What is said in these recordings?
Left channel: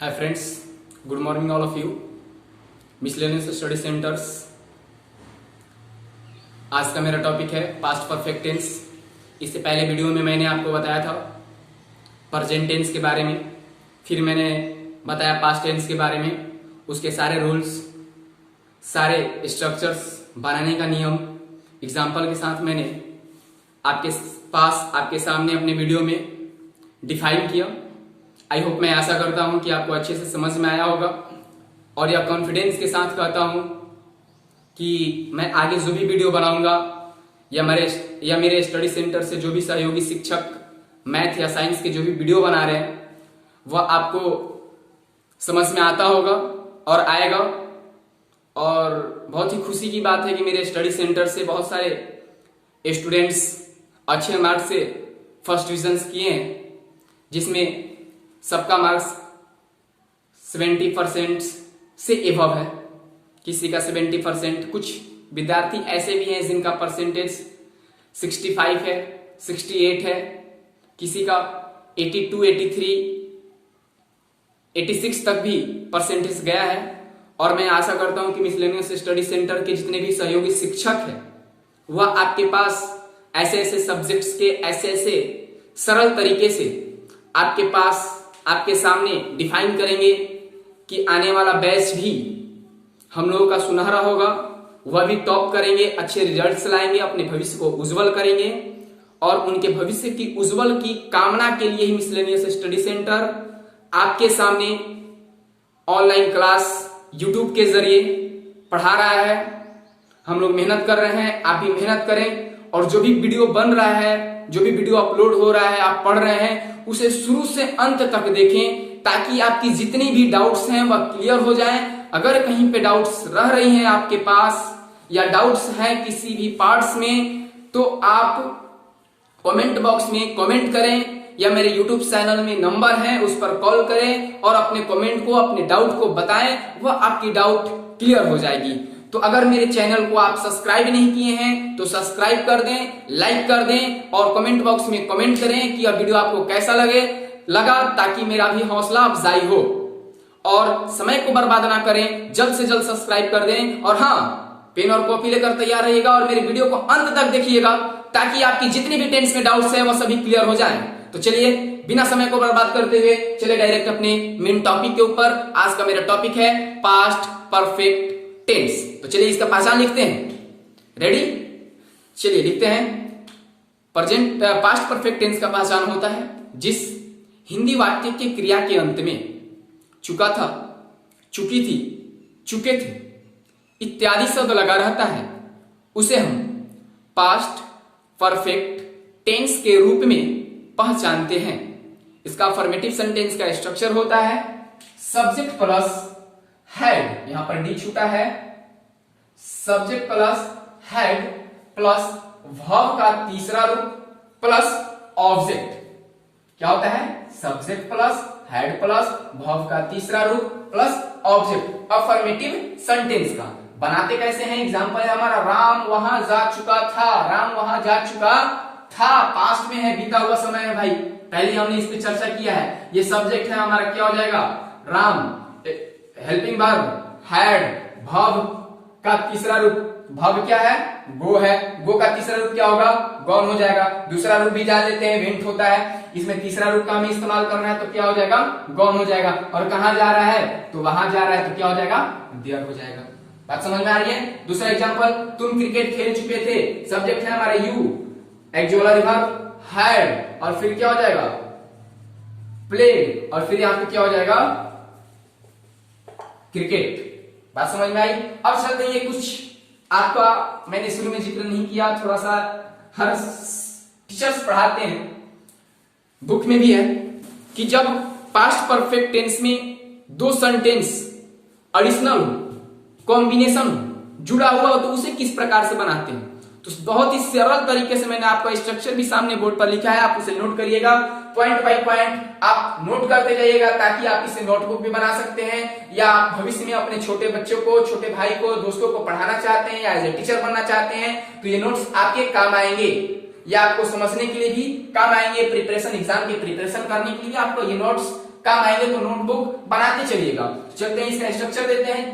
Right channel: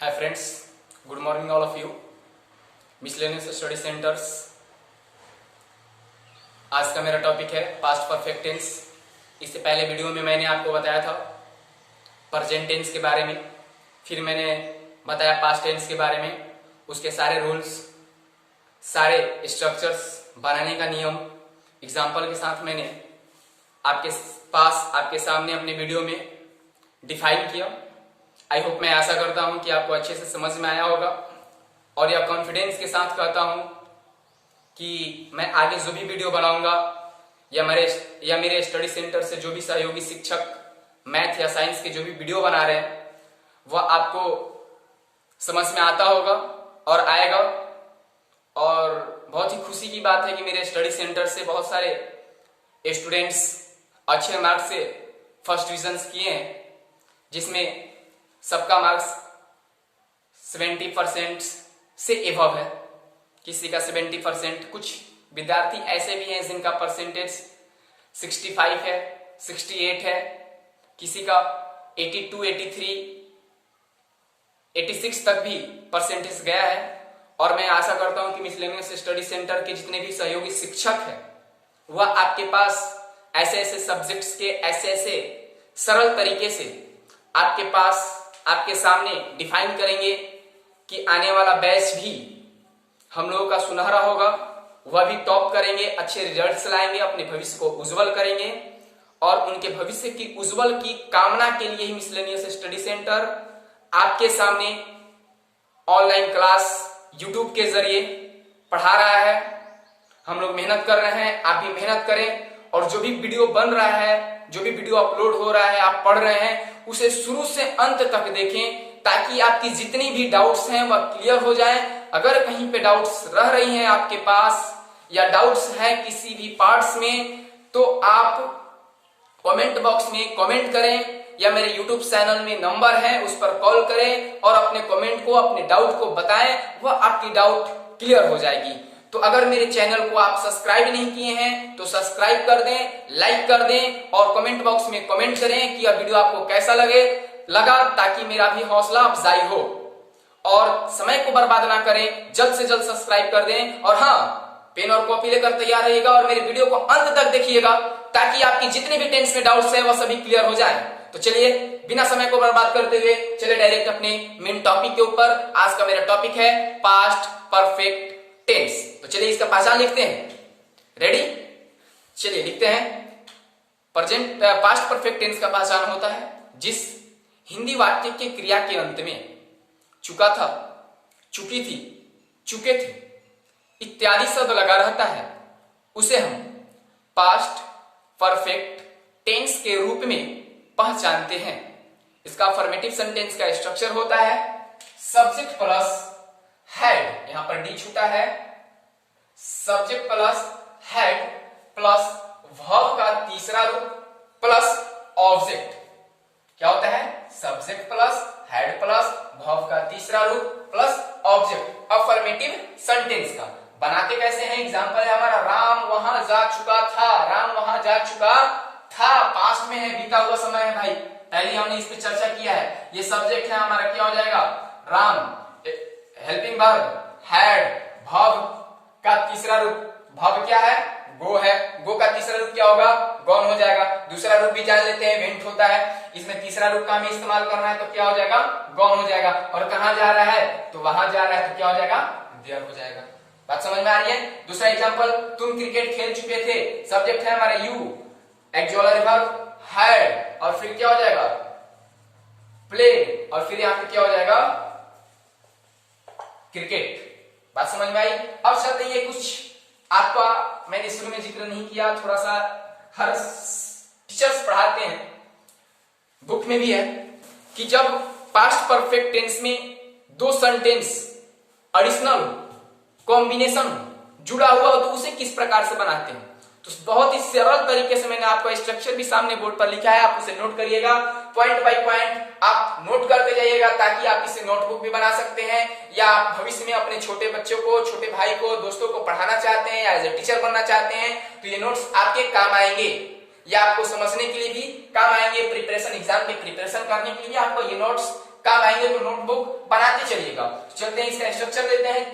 Hi friends, good morning all of you. Miscellaneous study centres. आज का मेरा topic है पास्ट परफेक्ट टेंस। इससे पहले वीडियो में मैंने आपको बताया था प्रेजेंट टेंस के बारे में, फिर मैंने बताया पास्ट टेंस के बारे में, उसके सारे रूल्स, सारे स्ट्रक्चर्स, बनाने का नियम एग्जाम्पल के साथ मैंने आपके सामने अपने वीडियो में डिफाइन किया। आई होप, मैं आशा करता हूं कि आपको अच्छे से समझ में आया होगा और यह कॉन्फिडेंस के साथ कहता हूं कि मैं आगे जो भी वीडियो बनाऊंगा या मेरे स्टडी सेंटर से जो भी सहयोगी शिक्षक मैथ या साइंस के जो भी वीडियो बना रहे हैं वह आपको समझ में आता होगा और आएगा। और बहुत ही खुशी की बात है कि मेरे स्टडी सेंटर से बहुत सारे स्टूडेंट्स अच्छे मार्क्स से फर्स्ट डिविजन किए हैं, जिसमें सबका मार्क्स 70% से एबव है, किसी का 70%। कुछ विद्यार्थी ऐसे भी हैं जिनका परसेंटेज 65 है, 68 है, किसी का 82, 83, 86 तक भी परसेंटेज गया है। और मैं आशा करता हूं कि मिसलेनियस स्टडी सेंटर के जितने भी सहयोगी शिक्षक हैं वह आपके पास ऐसे ऐसे सब्जेक्ट्स के ऐसे ऐसे सरल तरीके से आपके सामने डिफाइन करेंगे कि आने वाला बैच भी हम लोगों का सुनहरा होगा, वह भी टॉप करेंगे, अच्छे रिजल्ट्स लाएंगे, अपने भविष्य को उज्जवल करेंगे। और उनके भविष्य की उज्जवल की कामना के लिए ही मिसलेनियस स्टडी सेंटर आपके सामने ऑनलाइन क्लास यूट्यूब के जरिए पढ़ा रहा है। हम लोग मेहनत कर रहे हैं, आप भी मेहनत करें और जो भी वीडियो बन रहा है, जो भी वीडियो अपलोड हो रहा है, आप पढ़ रहे हैं, उसे शुरू से अंत तक देखें ताकि आपकी जितनी भी डाउट्स हैं वह क्लियर हो जाएं। अगर कहीं पे डाउट्स रह रही हैं आपके पास या डाउट्स हैं किसी भी पार्ट्स में, तो आप कमेंट बॉक्स में कमेंट करें या मेरे यूट्यूब चैनल में नंबर है उस पर कॉल करें और अपने कमेंट को, अपने डाउट को बताएं, वह आपकी डाउट क्लियर हो जाएगी। तो अगर मेरे चैनल को आप सब्सक्राइब नहीं किए हैं तो सब्सक्राइब कर दें, लाइक कर दें और कमेंट बॉक्स में कमेंट करें कि यह वीडियो आपको कैसा लगा, ताकि मेरा भी हौसला अफजाई हो। और समय को बर्बाद ना करें, जल्द से जल्द सब्सक्राइब कर दें। और हाँ, पेन और कॉपी लेकर तैयार रहिएगा और मेरे वीडियो को अंत तक देखिएगा ताकि आपकी जितने भी टेंस में डाउट्स है वह सभी क्लियर हो जाए। तो चलिए, बिना समय को बर्बाद करते हुए चलिए डायरेक्ट अपने मेन टॉपिक के ऊपर। आज का मेरा टॉपिक है पास्ट परफेक्ट टेंस। तो चलिए इसका पहचान लिखते हैं। रेडी? चलिए लिखते हैं। पास्ट परफेक्ट टेंस का पहचान होता है जिस हिंदी वाक्य के क्रिया के अंत में चुका था, चुकी थी, चुके थे इत्यादि शब्द लगा रहता है, उसे हम पास्ट परफेक्ट टेंस के रूप में पहचानते हैं। इसका अफर्मेटिव सेंटेंस का स्ट्रक्चर होता है सब्जेक्ट प्लस हेड, यहां पर डी छूटा है, subject plus head plus verb का तीसरा रूप प्लस ऑब्जेक्ट। क्या होता है? Subject plus head plus verb का तीसरा रूप प्लस ऑब्जेक्ट। अफर्मेटिव सेंटेंस का बनाते कैसे हैं? एग्जांपल है हमारा, राम वहां जा चुका था। राम वहां जा चुका था, पास्ट में है, बीता हुआ समय है भाई, पहले हमने इस पे चर्चा किया है। ये सब्जेक्ट है हमारा, क्या हो जाएगा? Ram, helping verb had, verb का तीसरा रूप, वर्ब क्या है? गो है, गो का तीसरा रूप क्या होगा? गॉन हो जाएगा। दूसरा रूप भी जान लेते हैं, वेंट होता है, इसमें तीसरा रूप का हमें इस्तेमाल करना है तो क्या हो जाएगा? गॉन हो जाएगा। और कहां जा रहा है? तो वहां जा रहा है, तो क्या हो जाएगा? देयर हो जाएगा। बात समझ में आ रही है? दूसरा एग्जाम्पल, तुम क्रिकेट खेल चुके थे, सब्जेक्ट है हमारा यू, एक्जुअलरी वर्ब हैड और फिर क्या हो जाएगा? प्ले, और फिर यहां पे क्या हो जाएगा? क्रिकेट। बात समझ में आई? अब चलते ये कुछ आपका मैंने शुरू में जिक्र नहीं किया, थोड़ा सा हर टीचर्स पढ़ाते हैं, बुक में भी है कि जब पास्ट परफेक्ट टेंस में दो सेंटेंस एडिशनल हो, कॉम्बिनेशन हो, जुड़ा हुआ हो, तो उसे किस प्रकार से बनाते हैं। तो बहुत ही सरल तरीके से मैंने आपका स्ट्रक्चर भी सामने बोर्ड पर लिखा है, आप उसे नोट करिएगा, पॉइंट बाय पॉइंट आप नोट करते जाइएगा ताकि आप इसे नोटबुक भी बना सकते हैं, या आप भविष्य में अपने छोटे बच्चों को, छोटे भाई को, दोस्तों को पढ़ाना चाहते हैं या एज ए टीचर बनना चाहते हैं तो ये नोट्स आपके काम आएंगे। ये आपको समझने के लिए भी काम आएंगे, प्रिपरेशन, एग्जाम के प्रिपरेशन करने के लिए आपको ये नोट्स काम आएंगे तो नोटबुक बनाते चलिएगा। चलते हैं इसका स्ट्रक्चर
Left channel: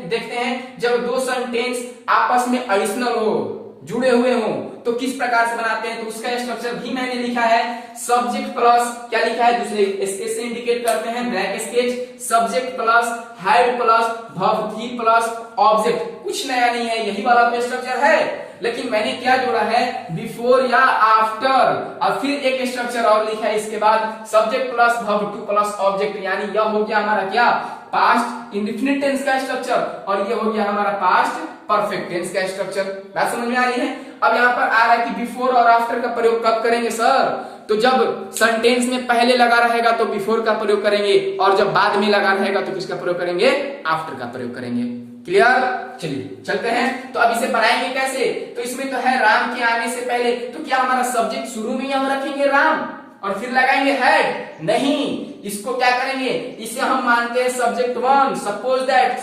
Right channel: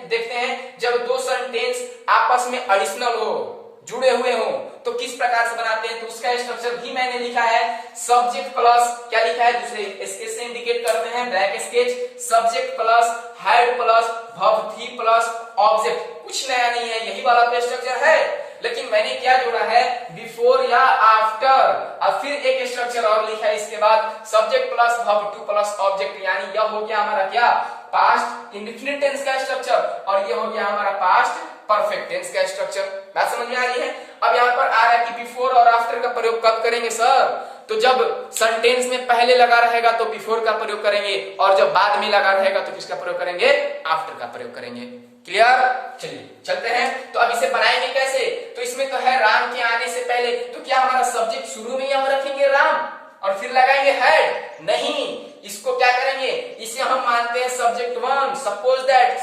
देखते हैं। जब दो सेंटेंस आपस में एडिशनल हो, जुड़े हुए हो, तो किस प्रकार से बनाते हैं, तो उसका स्ट्रक्चर भी मैंने लिखा है। सब्जेक्ट प्लस क्या लिखा है, दूसरे स्केच से इंडिकेट करते हैं, black sketch. Subject plus head plus verb three plus object. कुछ नया नहीं है, यही वाला तो स्ट्रक्चर है, लेकिन मैंने क्या जोड़ा है, बिफोर या आफ्टर। और फिर एक स्ट्रक्चर और लिखा है इसके बाद, subject plus verb two plus object, यानी यह हो गया हमारा क्या, पास्ट इंडेफिनिट टेंस का स्ट्रक्चर, और ये हो गया हमारा पास्ट परफेक्ट टेंस का स्ट्रक्चर। बात समझ में आ रही है। अब यहाँ पर आ रहा है कि बिफोर और आफ्टर का प्रयोग कब करेंगे सर, तो जब सेंटेंस में पहले लगा रहेगा तो बिफोर का प्रयोग करेंगे, और जब बाद में लगा रहेगा तो किसका प्रयोग करेंगे, आफ्टर का प्रयोग करेंगे। क्लियर। चलिए चलते हैं। तो अब इसे बनाएंगे कैसे, तो इसमें तो है राम के आने से पहले, तो क्या हमारा सब्जेक्ट शुरू में यहाँ रखेंगे राम और फिर लगाएंगे हेड, नहीं, इसको क्या करेंगे, इसे हम मानते हैं subject one. Suppose that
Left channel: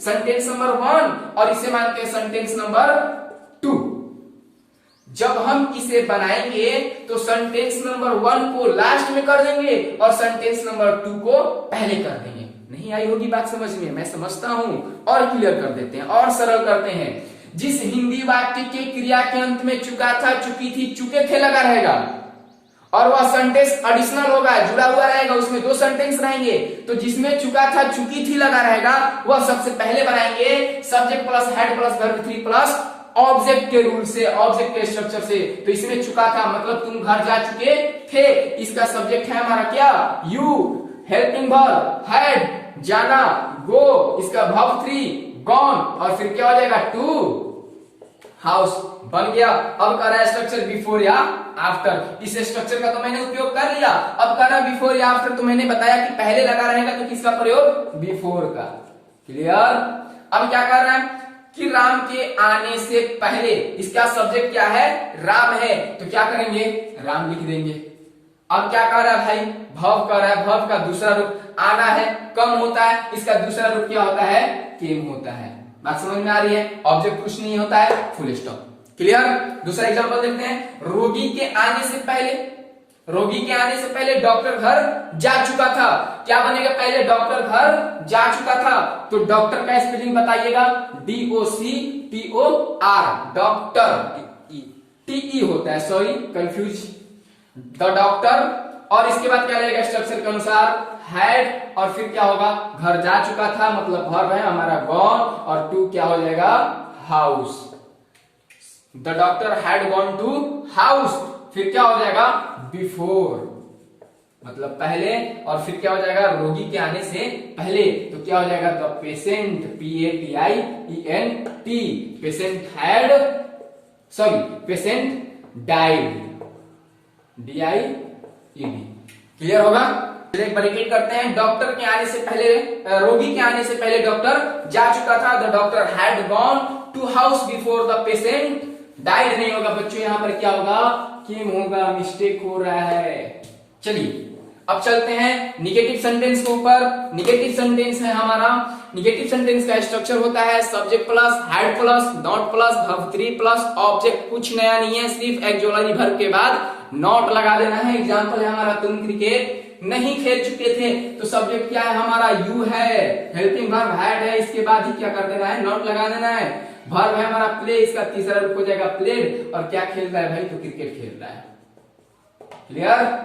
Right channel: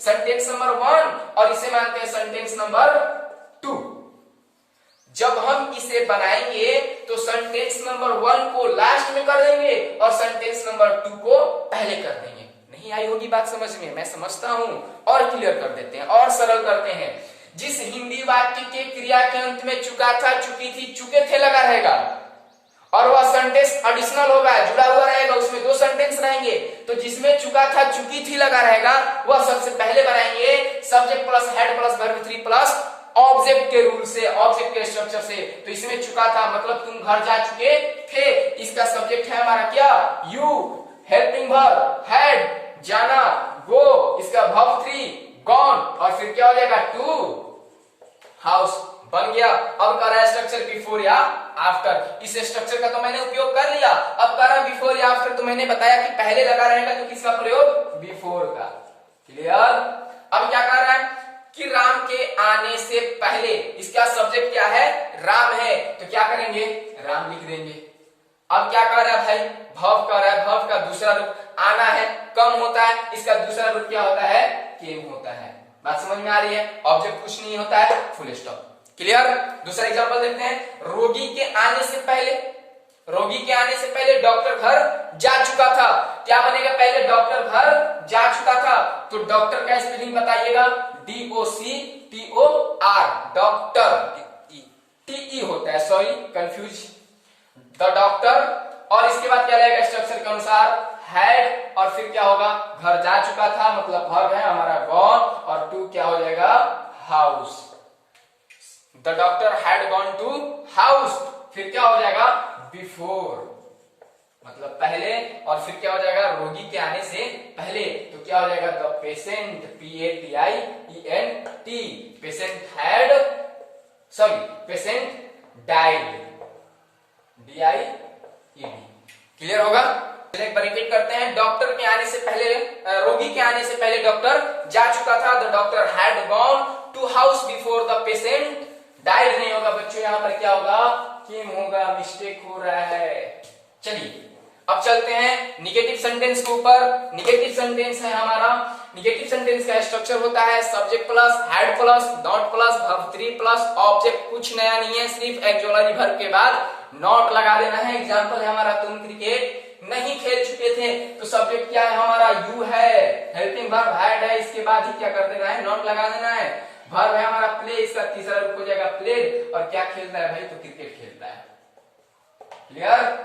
sentence number one, और इसे मानते हैं सेंटेंस नंबर टू। जब हम इसे बनाएंगे तो सेंटेंस नंबर वन को लास्ट में कर देंगे और सेंटेंस नंबर टू को पहले कर देंगे। नहीं आई होगी बात समझ में, मैं समझता हूं, और क्लियर कर देते हैं और सरल करते हैं। जिस हिंदी वाक्य के क्रिया के अंत में चुका था, चुकी थी, चुके थे लगा रहेगा, और वह सेंटेंस एडिशनल होगा, जुड़ा हुआ रहेगा, उसमें दो सेंटेंस रहेंगे, तो जिसमें चुका था चुकी थी लगा रहेगा वह सबसे पहले बनाएंगे subject plus head plus verb three plus object के रूल से, ऑब्जेक्ट के स्ट्रक्चर से। तो इसमें चुका था मतलब तुम घर जा चुके थे, इसका सब्जेक्ट है हमारा क्या, यू। हेल्पिंग वर्ब हेड जाना, गो, इसका वर्ब थ्री गॉन, और फिर क्या हो जाएगा, टू हाउस बन गया। अब कर रहा है स्ट्रक्चर बिफोर या आफ्टर। इस स्ट्रक्चर का तो मैंने उपयोग कर लिया। अब कर रहा है बिफोर या आफ्टर, तो मैंने बताया कि पहले लगा रहेगा तो किसका प्रयोग, बिफोर का। क्लियर। अब क्या कर रहा है कि राम के आने से पहले, इसका सब्जेक्ट क्या है, राम है, तो क्या करेंगे, राम लिख देंगे। अब क्या कर रहा है भाई, भव कर रहा है, भव का दूसरा रूप आना है, कम होता है, इसका दूसरा रूप क्या होता है, केम होता है। बात समझ में आ रही है। ऑब्जेक्ट कुछ नहीं होता है, फुल स्टॉप। क्लियर। दूसरा एग्जांपल देखते हैं। रोगी के आने से पहले, रोगी के आने से पहले डॉक्टर घर जा चुका था, क्या बनेगा, पहले डॉक्टर घर जा चुका था, तो डॉक्टर का स्पेलिंग बताइएगा, DOCTOR, डॉक्टर, TE होता है, सॉरी कंफ्यूज, द डॉक्टर। और इसके बाद क्या रहेगा स्ट्रक्चर के अनुसार, हैड, और फिर क्या होगा, घर जा चुका था मतलब वर्ब है हमारा गॉन, और टू क्या हो जाएगा, house. The doctor had gone to house, फिर क्या हो जाएगा, बिफोर मतलब पहले, और फिर क्या हो जाएगा, रोगी के आने से पहले, तो क्या हो जाएगा, the patient, PATIENT, patient had, sorry patient died, DIED। Clear होगा। एक बार रिपीट करते हैं। डॉक्टर के आने से पहले, रोगी के आने से पहले डॉक्टर जा चुका था, the doctor had gone to house before the patient died. नहीं होगा बच्चों, यहां पर क्या होगा, किम होगा, मिस्टेक हो रहा है। चलिए अब चलते हैं निगेटिव सेंटेंस के ऊपर। निगेटिव सेंटेंस है हमारा, निगेटिव सेंटेंस का स्ट्रक्चर होता है subject plus head plus not plus verb three plus object. कुछ नया नहीं है, सिर्फ एक्सोलॉजी वर्ब के बाद नॉट लगा देना है। एग्जांपल है हमारा, तुम क्रिकेट नहीं खेल चुके थे, तो सब्जेक्ट क्या है हमारा, यू है, हेल्पिंग वर्ब हेड है, इसके बाद ही क्या कर देना है, नॉट लगा देना है। वर्ब है हमारा प्ले, इसका तीसरा रूप हो जाएगा प्लेड, और क्या खेल रहा है भाई, तो क्रिकेट खेल रहा है। क्लियर।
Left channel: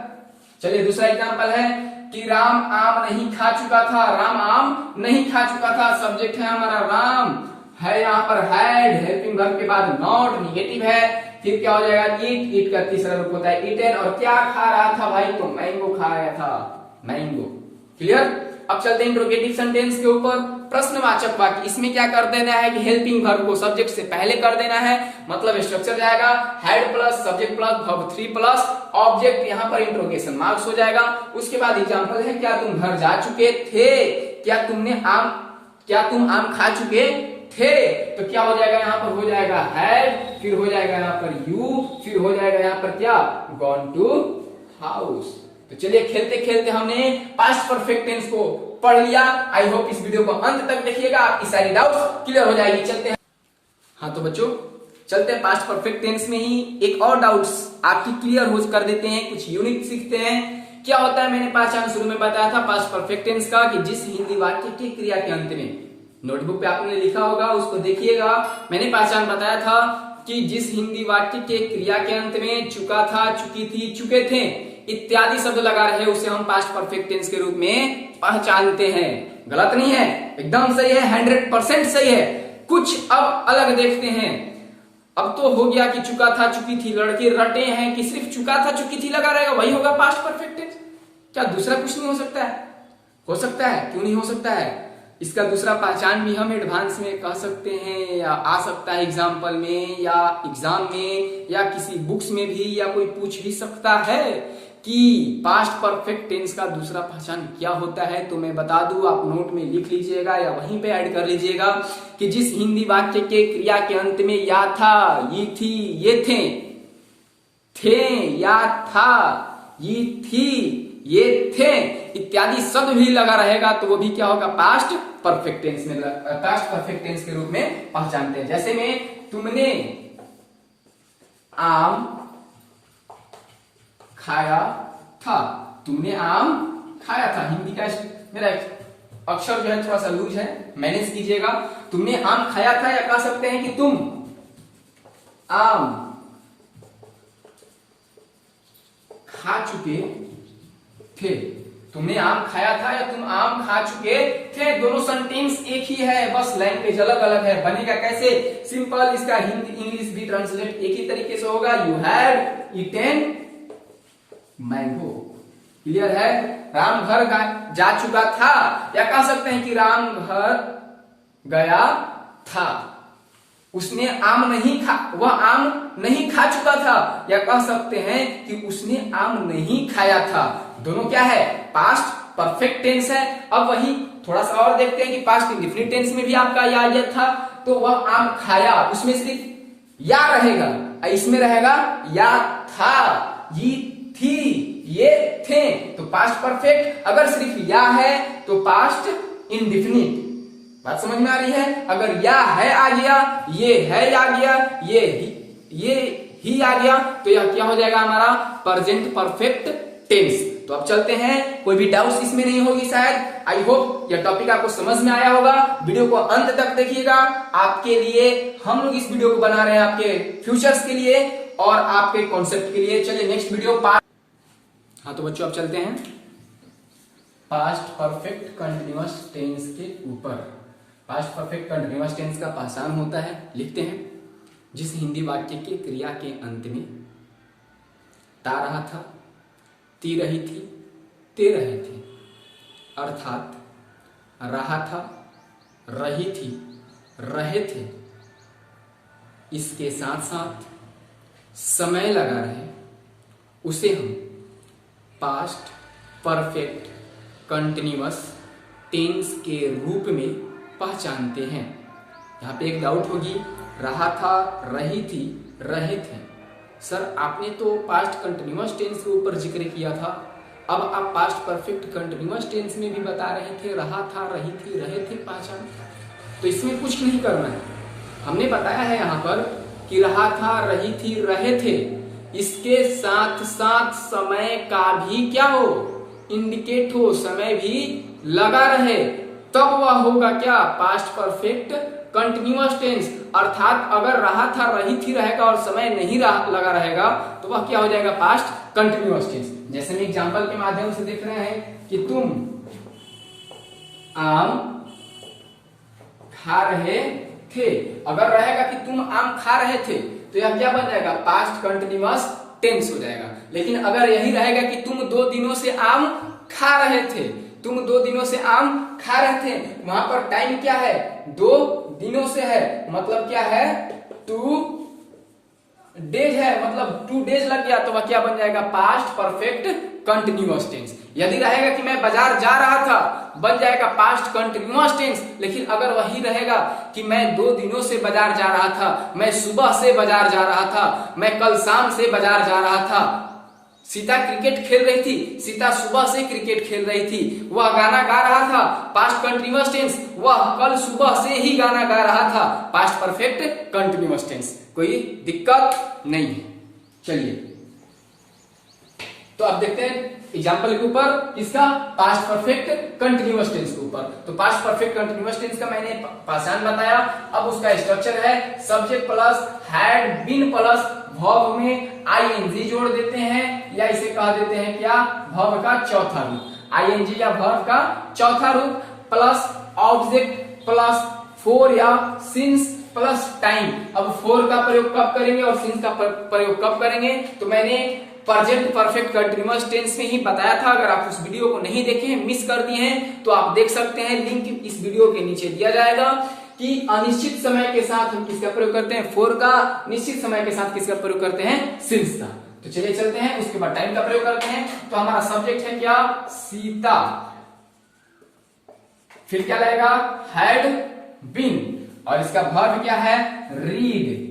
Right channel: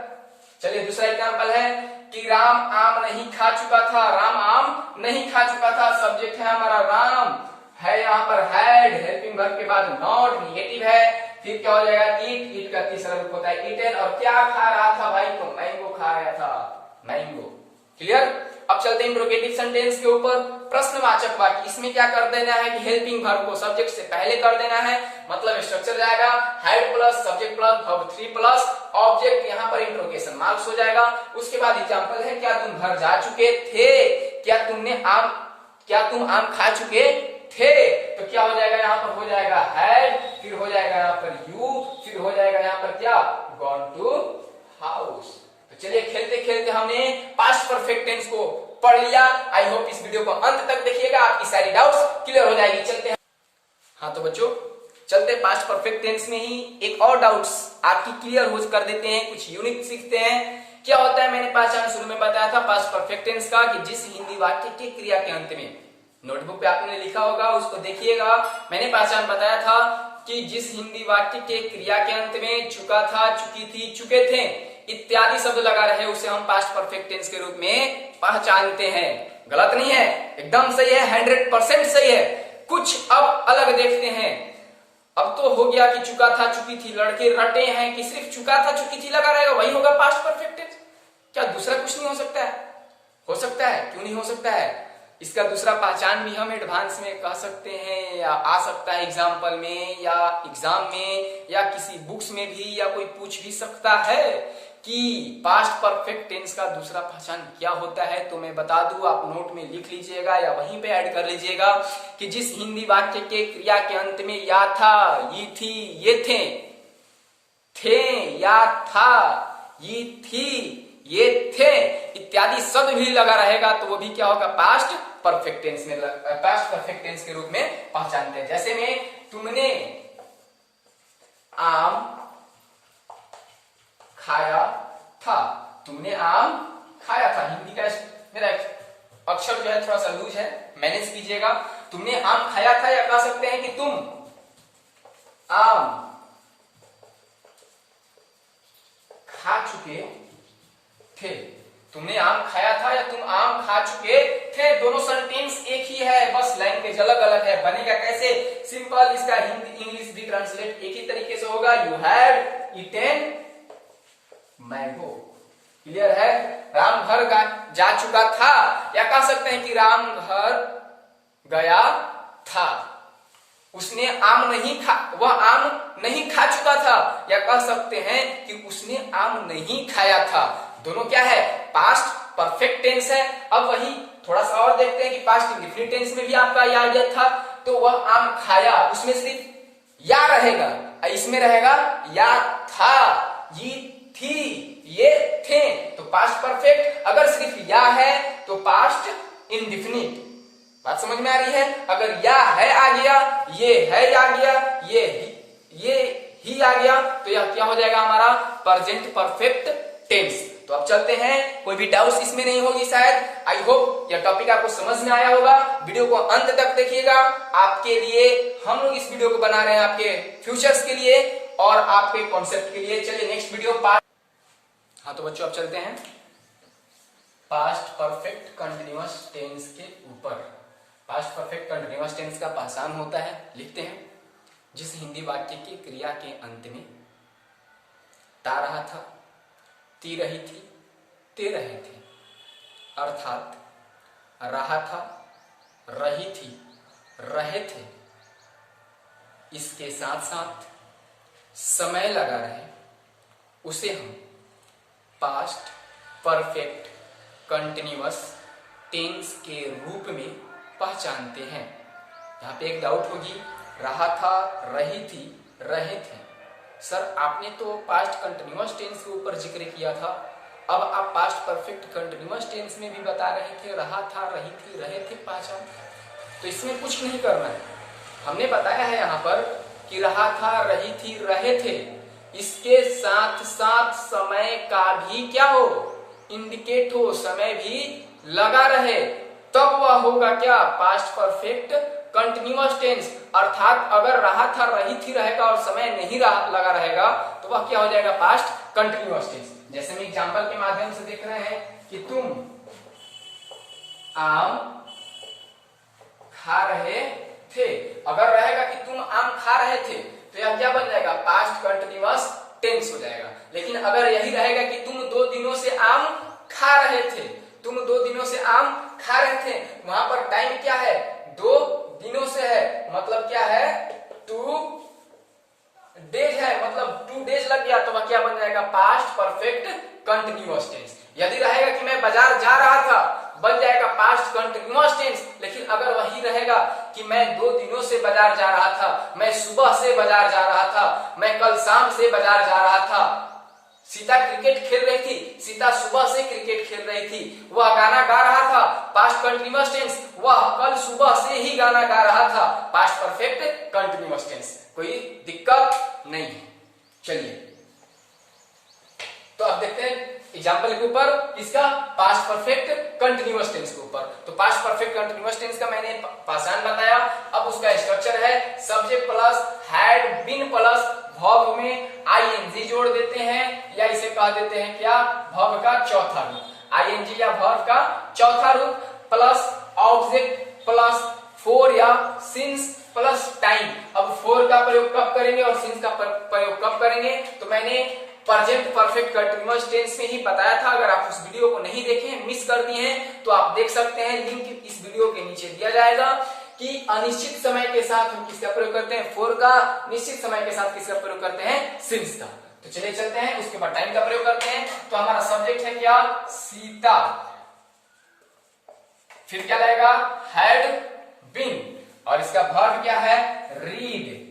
चलिए दूसरा एग्जांपल है कि राम आम नहीं खा चुका था, राम आम नहीं खा चुका था, सब्जेक्ट है हमारा राम, है यहाँ पर हैड, हेल्पिंग वर्ब के बाद नॉट, निगेटिव है, फिर क्या हो जाएगा, ईट, ईट का तीसरा रूप होता है ईटन, और क्या खा रहा था भाई, तो मैंगो खा रहा था, मैंगो। क्लियर। अब चलते हैं इंट्रोगेटिव सेंटेंस के ऊपर। प्रश्नवाचक वाक्य, इसमें क्या कर देना है कि हेल्पिंग वर्ब को सब्जेक्ट से पहले कर देना है, मतलब स्ट्रक्चर जाएगा head plus subject plus verb three plus object, यहाँ पर इंट्रोगेशन मार्क्स हो जाएगा। उसके बाद एग्जांपल है, क्या तुम घर जा चुके थे, क्या तुम आम खा चुके थे, तो क्या हो जाएगा, यहाँ पर हो जाएगा हैड, फिर हो जाएगा यहाँ पर यू, फिर हो जाएगा यहाँ पर क्या, गॉन टू हाउस। तो चलिए खेलते खेलते हमने पास्ट परफेक्ट टेंस को पढ़ लिया। आई होप इस वीडियो को अंत तक देखिएगा, आपकी सारी डाउट्स क्लियर हो जाएगी। चलते हैं, हाँ तो बच्चों चलते हैं पास्ट परफेक्ट टेंस में ही एक और डाउट्स आपकी क्लियर हो कर देते हैं, कुछ यूनिक सीखते हैं क्या होता है मैंने पहचान शुरू में बताया था पास्ट परफेक्ट टेंस का, कि जिस हिंदी वाक्य के क्रिया के अंत में, नोटबुक पे आपने लिखा होगा उसको देखिएगा, मैंने पहचान बताया था कि जिस हिंदी वाक्य के क्रिया के अंत में चुका था, चुकी थी, चुके थे इत्यादि शब्द लगा रहे उसे हम पास्ट परफेक्ट टेंस के रूप में पहचानते हैं। गलत नहीं है, एकदम सही है, 100% सही है। कुछ अब अलग देखते हैं। अब तो हो गया कि चुका था, चुकी थी, लड़के रटे हैं कि सिर्फ चुका था, चुकी थी लगा रहेगा, वही होगा पास्ट परफेक्ट टेंस। क्या दूसरा कुछ नहीं हो सकता है? हो सकता है, क्यों नहीं हो सकता है? इसका दूसरा पहचान भी हम एडवांस में कह सकते हैं, या आ सकता है एग्जाम्पल में या एग्जाम में या किसी बुक्स में भी, या कोई पूछ भी सकता है कि पास्ट परफेक्ट टेंस का दूसरा पहचान क्या होता है। तो मैं बता दूं, आप नोट में लिख लीजिएगा या वहीं पे ऐड कर लीजिएगा कि जिस हिंदी वाक्य के क्रिया के अंत में या था, ये थी, ये थे, या था, ये थी, ये थे इत्यादि शब्द भी लगा रहेगा तो वो भी क्या होगा? पास्ट परफेक्ट टेंस में, पास्ट परफेक्ट टेंस के रूप में पहचानते हैं। जैसे में तुमने आम खाया था, तुमने आम खाया था, हिंदी का मेरा अक्षर जो है थोड़ा सा लूज है, मैनेज कीजिएगा। तुमने आम खाया था, या कह सकते हैं कि तुम आम खा चुके थे। तुमने आम खाया था या तुम आम खा चुके थे, दोनों सेंटेंस एक ही है, बस लैंग्वेज अलग अलग है। बनेगा कैसे? सिंपल, इसका हिंदी इंग्लिश भी ट्रांसलेट एक ही तरीके से होगा, you had eaten mango. Clear है? राम घर जा चुका था, या कह सकते हैं कि राम घर गया था। उसने आम नहीं खा, वह आम नहीं खा चुका था, या कह सकते हैं कि उसने आम नहीं खाया था। दोनों क्या है? पास्ट परफेक्ट टेंस है। अब वही थोड़ा सा और देखते हैं कि पास्ट इंडेफिनिट टेंस में भी आपका या था, तो वह आम खाया, उसमें सिर्फ या रहेगा, इसमें रहेगा या था, ये थी, ये थे, तो पास्ट परफेक्ट। अगर सिर्फ या है तो पास्ट इंडेफिनिट। बात समझ में आ रही है? अगर या है आ गया, ये है आ गया, ये ही आ गया, तो यह क्या हो जाएगा? हमारा प्रेजेंट परफेक्ट टेंस। तो अब चलते हैं, कोई भी डाउट इसमें नहीं होगी शायद। आई होप यह टॉपिक आपको समझ में आया होगा। वीडियो को अंत तक देखिएगा, आपके लिए हम लोग इस वीडियो को बना रहे हैं, आपके फ्यूचर्स के लिए और आपके कॉन्सेप्ट के लिए। चलिए नेक्स्ट वीडियो हाँ तो बच्चों अब चलते हैं पास्ट परफेक्ट कंटिन्यूअस टेंस के ऊपर। पास्ट परफेक्ट कंटिन्यूअस टेंस का पहचान होता है, लिखते हैं, जिस हिंदी वाक्य के क्रिया के अंत में ता रहा था, ती रही थी, ते रहे थे, अर्थात रहा था, रही थी, रहे थे, इसके साथ साथ समय लगा रहे, उसे हम पास्ट परफेक्ट कंटिन्यूअस टेंस के रूप में पहचानते हैं। यहां पे एक डाउट होगी, रहा था, रही थी, रहे थे। सर आपने तो पास्ट कंटिन्यूअस टेंस के ऊपर जिक्र किया था, अब आप पास्ट परफेक्ट कंटिन्यूअस टेंस में भी बता रहे थे रहा था, रही थी, रहे थे पहचान। तो इसमें कुछ नहीं करना है, हमने बताया है यहां पर कि रहा था, रही थी, रहे थे, इसके साथ साथ समय का भी क्या हो? इंडिकेट हो, समय भी लगा रहे, तब वह होगा क्या? Past perfect continuous tense. अर्थात अगर रहा था, रही थी रहेगा और समय नहीं लगा रहेगा तो वह क्या हो जाएगा? Past continuous tense. जैसे हम एग्जांपल के माध्यम से देख रहे हैं कि तुम आम खा रहे थे, अगर रहेगा कि तुम आम खा रहे थे तो यह क्या बन जाएगा? पास्ट कंटिन्यूअस टेंस हो जाएगा। लेकिन अगर यही रहेगा कि तुम 2 दिनों से आम खा रहे थे, तुम 2 दिनों से आम खा रहे थे, वहां पर टाइम क्या है? 2 दिनों से है, मतलब क्या है? 2 डेज है, मतलब 2 डेज लग गया, तो वह क्या बन जाएगा? Past perfect continuous tense. यदि रहेगा कि मैं बाजार जा रहा था, बन जाएगा पास्ट कंटिन्यूअस टेंस। लेकिन अगर वही रहेगा कि मैं 2 दिनों से बाजार जा रहा था, मैं सुबह से बाजार जा रहा था, मैं कल शाम से बाजार जा रहा था, सीता क्रिकेट खेल रही थी, सीता सुबह से क्रिकेट खेल रही थी, वह गाना गा रहा था, पास्ट कंटिन्यूअस टेंस, वह कल सुबह से ही गाना गा रहा था, पास्ट परफेक्ट कंटिन्यूअस टेंस। कोई दिक्कत नहीं। चलिए तो अब देखते हैं एग्जाम्पल के ऊपर, इसका पास्ट परफेक्ट कंटिन्यूअस टेंस के ऊपर। तो पास्ट परफेक्ट कंटिन्यूअस टेंस का मैंने पासान बताया। अब उसका स्ट्रक्चर है subject plus had been plus verb में आईएनजी जोड़ देते हैं, या इसे कह देते हैं क्या, वर्ब का चौथा रूप। आईएनजी या वर्ब का चौथा रूप प्लस ऑब्जेक्ट प्लस फोर या सिंस प्लस टाइम। अब फोर का प्रयोग कब करेंगे और सिंस का प्रयोग कब करेंगे, तो मैंने प्रेजेंट परफेक्ट कंटिन्यूअस टेंस में ही बताया था। अगर आप उस वीडियो को नहीं देखे हैं, मिस कर दिए हैं, तो आप देख सकते हैं, लिंक इस वीडियो के नीचे दिया जाएगा कि अनिश्चित समय के साथ हम किसका प्रयोग करते हैं, फोर का, निश्चित समय के साथ किसका प्रयोग करते हैं, सिंस का। तो चलिए चलते हैं, उसके बाद टाइम का प्रयोग करते हैं। तो हमारा सब्जेक्ट है क्या, सीता, फिर क्या लगेगा, हैड बीन, और इसका वर्ब क्या है, रीड।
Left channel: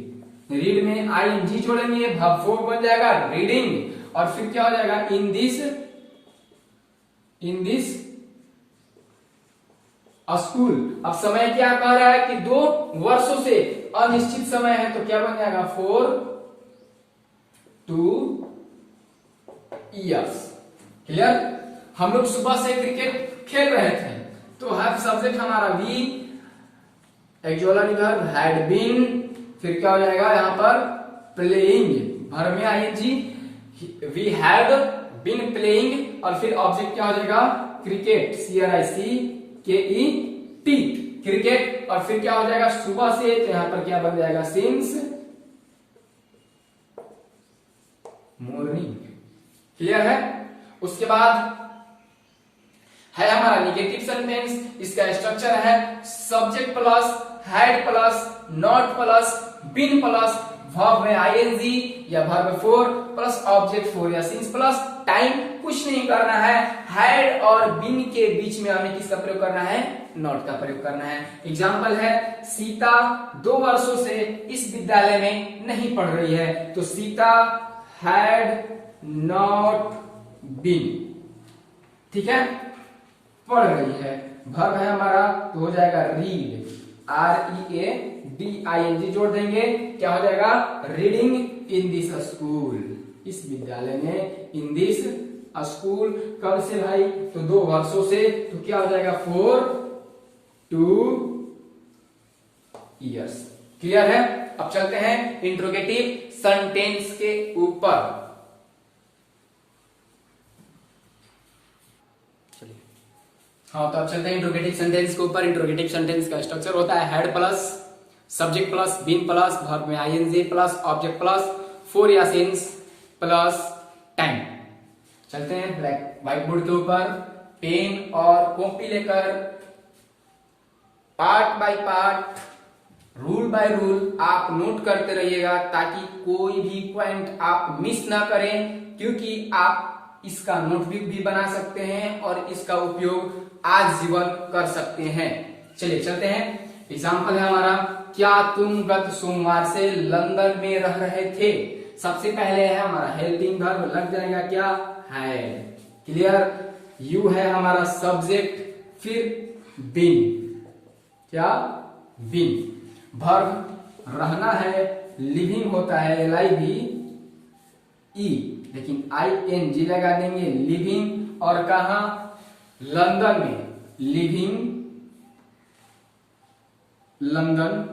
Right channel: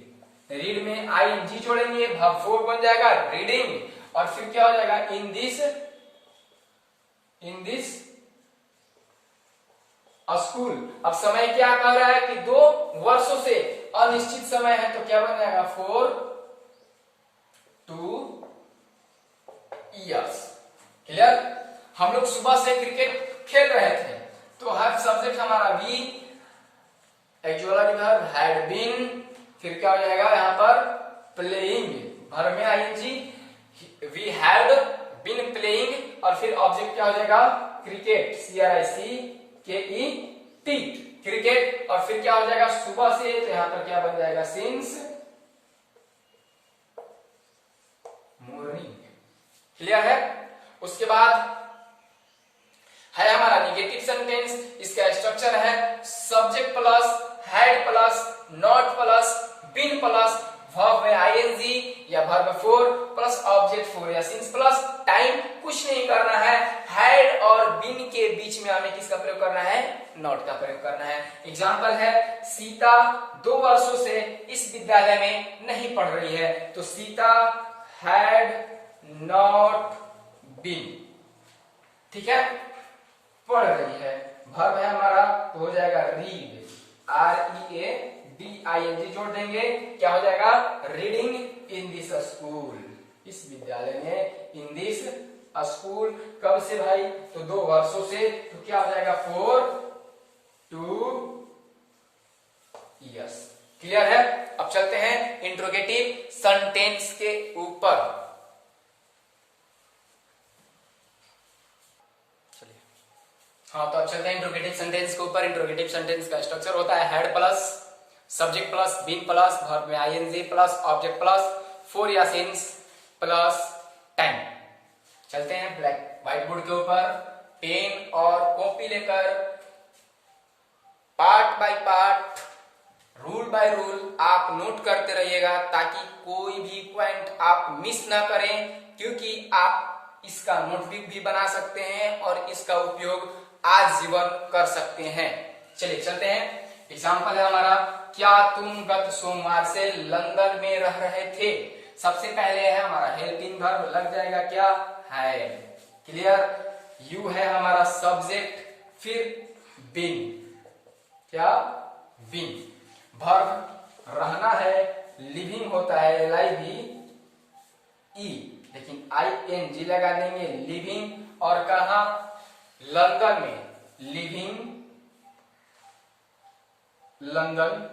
रीड में आईएनजी जोड़ेंगे, वर्ब फोर बन जाएगा रीडिंग, और फिर क्या हो जाएगा, इन दिस स्कूल। अब समय क्या कह रहा है कि 2 वर्षों से अनिश्चित समय है, तो क्या बन जाएगा, 4 2 years। क्लियर। हम लोग सुबह से क्रिकेट खेल रहे थे, तो हर सब्जेक्ट हमारा we, actually verb had been, फिर क्या हो जाएगा यहाँ पर, प्लेइंग, वर्ब में ING, we had been playing, और फिर ऑब्जेक्ट क्या हो जाएगा, क्रिकेट, CRICKET, क्रिकेट, और फिर क्या हो जाएगा, सुबह से, तो यहां पर क्या बन जाएगा, सिंस मॉर्निंग। क्लियर है। उसके बाद है हमारा निगेटिव सेंटेंस। इसका स्ट्रक्चर है subject plus had plus not plus been plus verb में आईएनजी या verb for plus object for या सिंस प्लस टाइम। कुछ नहीं करना है, हैड और बीन के बीच में हमें किसका प्रयोग करना है, नॉट का प्रयोग करना है। एग्जाम्पल है, सीता 2 वर्षों से इस विद्यालय में नहीं पढ़ रही है, तो सीता हैड नॉट बीन, ठीक है, पढ़ रही है। वर्ब है हमारा, तो हो जाएगा रीड, READING जोड़ देंगे, क्या हो जाएगा, रीडिंग इन दिस स्कूल, इस विद्यालय में, इन दिस स्कूल। कब से भाई, तो 2 वर्षों से, तो क्या हो जाएगा, 4 2 years। क्लियर है। अब चलते हैं इंट्रोगेटिव सेंटेंस के ऊपर। हाँ, तो अब चलते हैं इंट्रोगेटिव सेंटेंस के ऊपर। इंट्रोगेटिव सेंटेंस का स्ट्रक्चर होता है had plus subject plus been plus verb में ING plus object plus for या सिंस प्लस टाइम। चलते हैं ब्लैक व्हाइट बोर्ड के ऊपर, पेन और कॉपी लेकर part by part, rule by rule आप नोट करते रहिएगा, ताकि कोई भी पॉइंट आप मिस ना करें, क्योंकि आप इसका नोटबुक भी बना सकते हैं और इसका उपयोग आजीवन कर सकते हैं। चलिए चलते हैं। एग्जाम्पल है हमारा, क्या तुम गत सोमवार से लंदन में रह रहे थे। सबसे पहले है हमारा हेल्पिंग वर्ब, लग जाएगा क्या, है। क्लियर। यू है हमारा सब्जेक्ट, फिर बीन, क्या, बीन। वर्ब रहना है, लिविंग होता है, LIVE, लेकिन ING लगा देंगे, लिविंग, और कहा, लंदन में, लिविंग लंदन।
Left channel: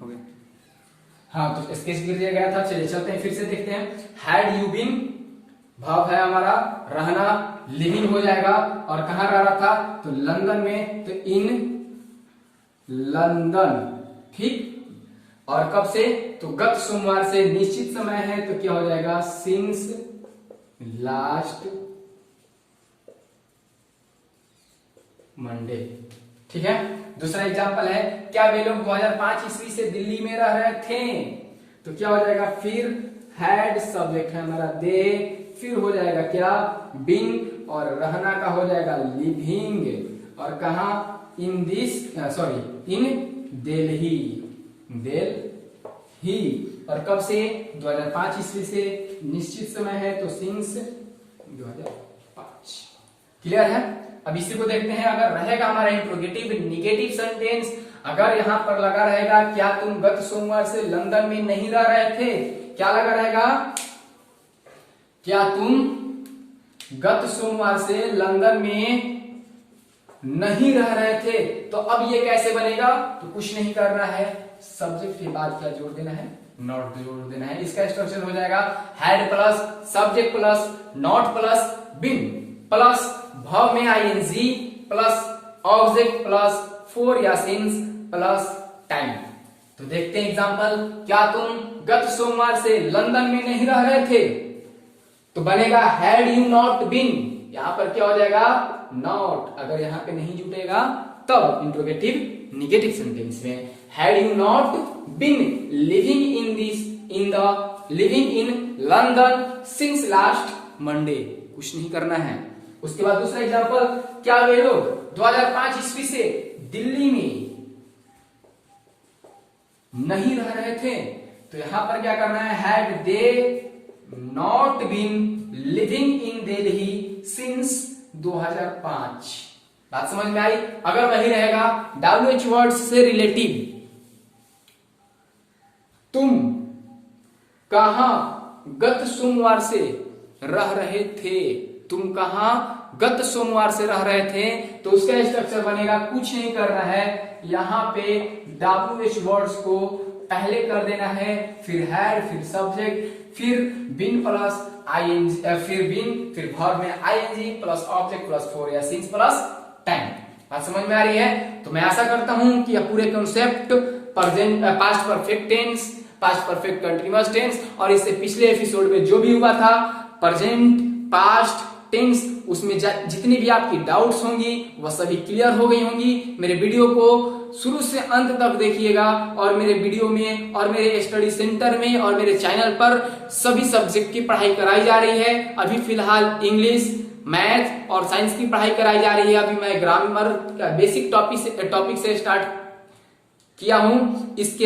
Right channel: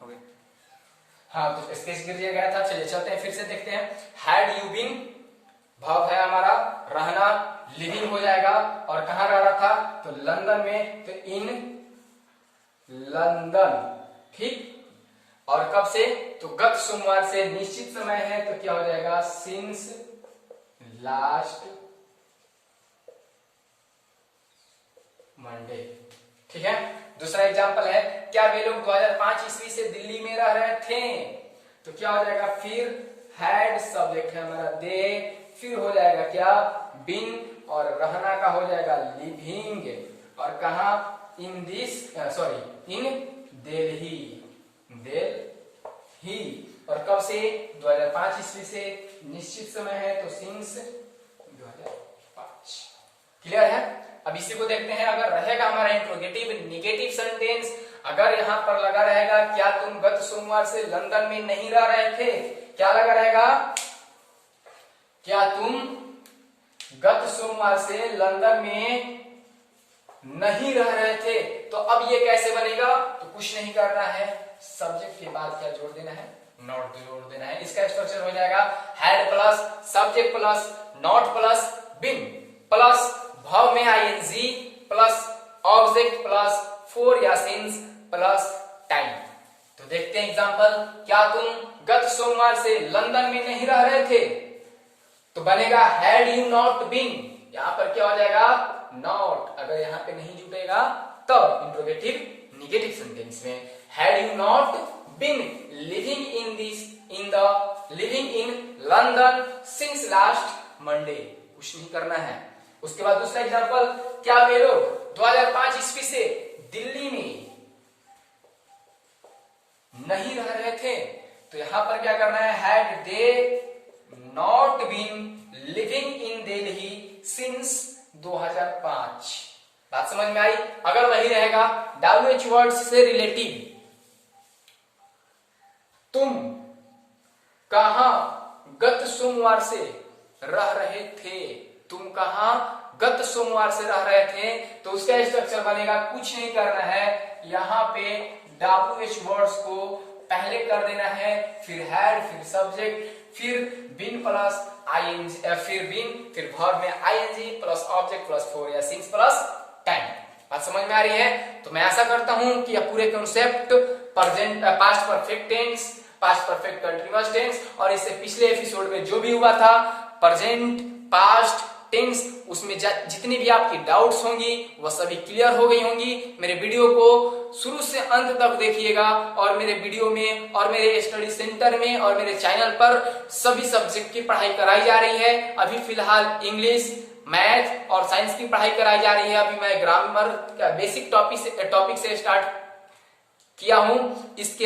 हो गया। हाँ, तो स्पेस गिर गया था। चलिए चलते हैं, फिर से देखते हैं। हैड यू बीन, भाव है हमारा रहना, लिविंग हो जाएगा, और कहाँ रह रहा था, तो लंदन में, तो इन लंदन, ठीक। और कब से, तो गत सोमवार से, निश्चित समय है, तो क्या हो जाएगा, सिंस लास्ट मंडे, ठीक है। दूसरा एग्जांपल है, क्या वे लोग 2005 ईस्वी से दिल्ली में रह रहे थे, तो क्या हो जाएगा, फिर हैड सब्जेक्ट है हमारा दे, फिर हो जाएगा क्या, बीन, और रहना का हो जाएगा लिविंग, और कहा, इन दिस, सॉरी, इन दिल्ली, दिल्ली, और कब से, 2005 ईस्वी से, निश्चित समय है, तो सिंस 2005। क्लियर है। अब इसी को देखते हैं। अगर रहेगा हमारा इंट्रोगेटिव निगेटिव सेंटेंस, अगर यहां पर लगा रहेगा, क्या तुम गत सोमवार से लंदन में नहीं रह रहे थे, क्या लगा रहेगा, क्या तुम गत सोमवार से लंदन में नहीं रह रहे थे। तो अब ये कैसे बनेगा, तो कुछ नहीं करना है, सब्जेक्ट के बाद क्या जोड़ देना है, नॉट जोड़ देना है। इसका स्ट्रक्चर हो जाएगा had plus subject plus not plus been plus verb में ING plus object plus for या सिंस प्लस टाइम। तो देखते हैं एग्जांपल, क्या तुम गत सोमवार से लंदन में नहीं रह रहे थे, तो बनेगा हैड यू नॉट बीन, यहां पर क्या हो जाएगा नॉट, अगर यहां पे नहीं जुटेगा तब इंट्रोगेटिव निगेटिव सेंटेंस में had you not been living in London since last Monday, कुछ नहीं करना है। उसके बाद दूसरा एग्जांपल, क्या वे लोग 2005 ईस्वी से दिल्ली में नहीं रह रहे थे, तो यहां पर क्या करना है, had they not been living in Delhi since 2005। बात समझ में आई। अगर वही रहेगा WH वर्ड्स से रिलेटिव, तुम कहां गत सोमवार से रह रहे थे, तुम कहां गत सोमवार से रह रहे थे, तो उसका स्ट्रक्चर बनेगा, कुछ नहीं करना है, यहां पे WH वर्ड्स को पहले कर देना है, फिर हैड, फिर सब्जेक्ट, फिर बीन प्लस आईएनजी, फिर बीन, फिर वर्ब में ING plus object plus for या सिंस प्लस टाइम। बात समझ में आ रही है। तो मैं आशा करता हूं कि यह पूरे concept present past perfect tense, past perfect continuous tense और इससे पिछले एपिसोड में जो भी हुआ था प्रेजेंट पास्ट टेंस, उसमें जितनी भी आपकी डाउट्स होंगी वह सभी क्लियर हो गई होंगी। मेरे वीडियो को शुरू से अंत तक देखिएगा और मेरे वीडियो में और मेरे स्टडी सेंटर में और मेरे चैनल पर सभी सब्जेक्ट की पढ़ाई कराई जा रही है। अभी फिलहाल इंग्लिश, मैथ और साइंस की पढ़ाई कराई जा रही है। अभी मैं ग्रामर का बेसिक टॉपिक से स्टार्ट किया हूं। इसके